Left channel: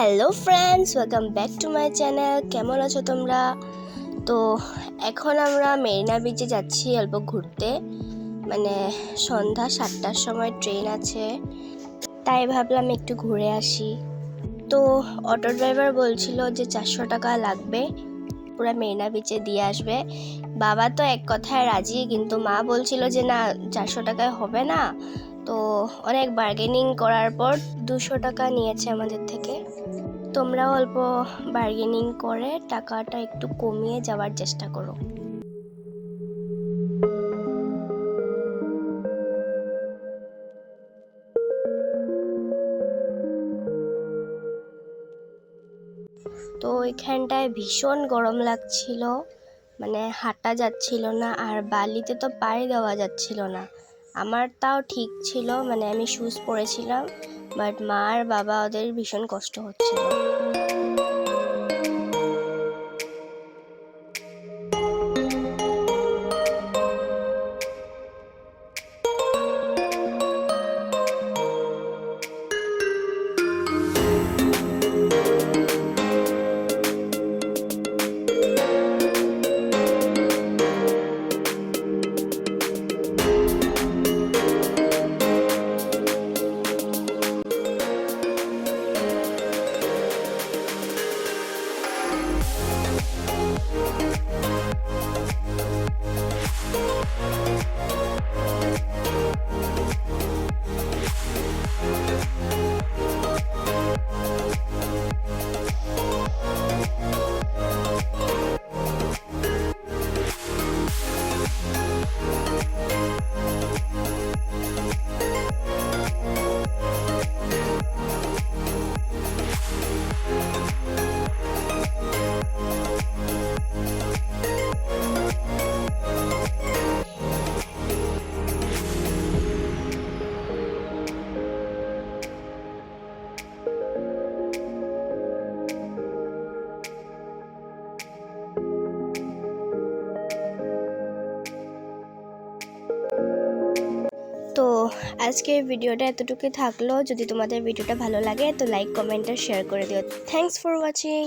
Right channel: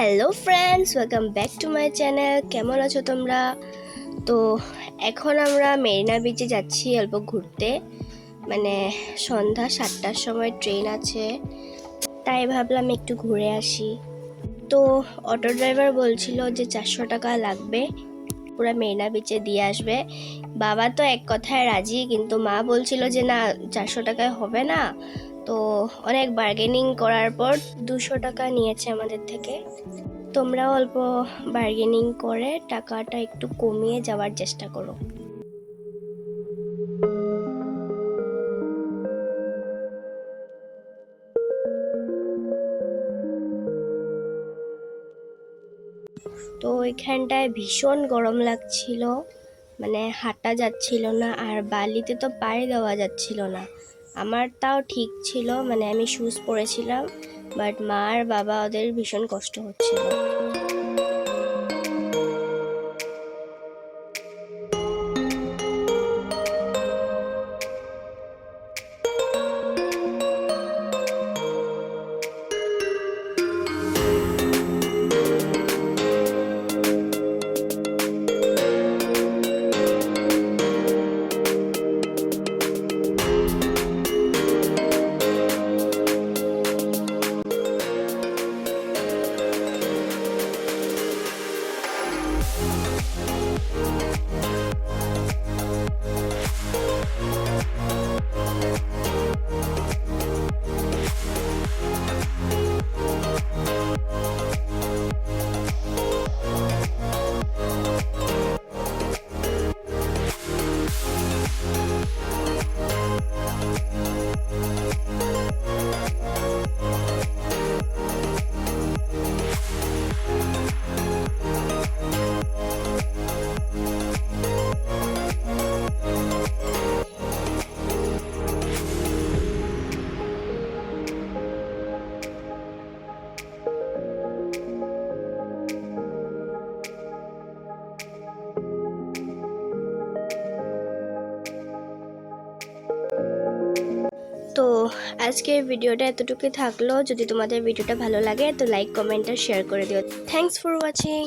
Hello friends, welcome back to my channel. কেমন আছো তোমরা? তো এখন আমরা মেরিনা বিচে যাচ্ছি অল্প ঘুরতে। মানে সন্ধ্যা 7টার সময় ট্রেন আছে, তাই ভাবলাম একটু ঘুরে আসি। তো অটো ড্রাইভার বলছিল যে 400 টাকা লাগবে, পুরো মেরিনা বিচে দিয়ে আসবে। বাবা তো এক কথায় রাজি, কিন্তু মা বলছিল যে না, 400 টাকায় হবে না। তো অনেক বার্গেনিং করার পর 200 টাকা নিয়েছে আমাদের থেকে। তোমরাও অল্প বার্গেনিং করে টাকাটা একটু কমিয়ে যাওয়ার চেষ্টা করো। তো এখানটায় ভীষণ গরম লাগছিল, মানে হাঁটা যাচ্ছিল না, আর বালিতে তো পায়ে দেওয়া যাচ্ছিল না। আমার তাও ঠিক ছিল, মানে আমি শুজ পরেছিলাম, বাট মা আর বাবা ওদের ভীষণ কষ্ট হচ্ছিল। তো আজকের ভিডিওটা এতটুকুই থাকলো। যদি তোমাদের ভিডিওটা ভালো লাগে তো লাইক, কমেন্ট আর শেয়ার করে দিও। Thanks for watching.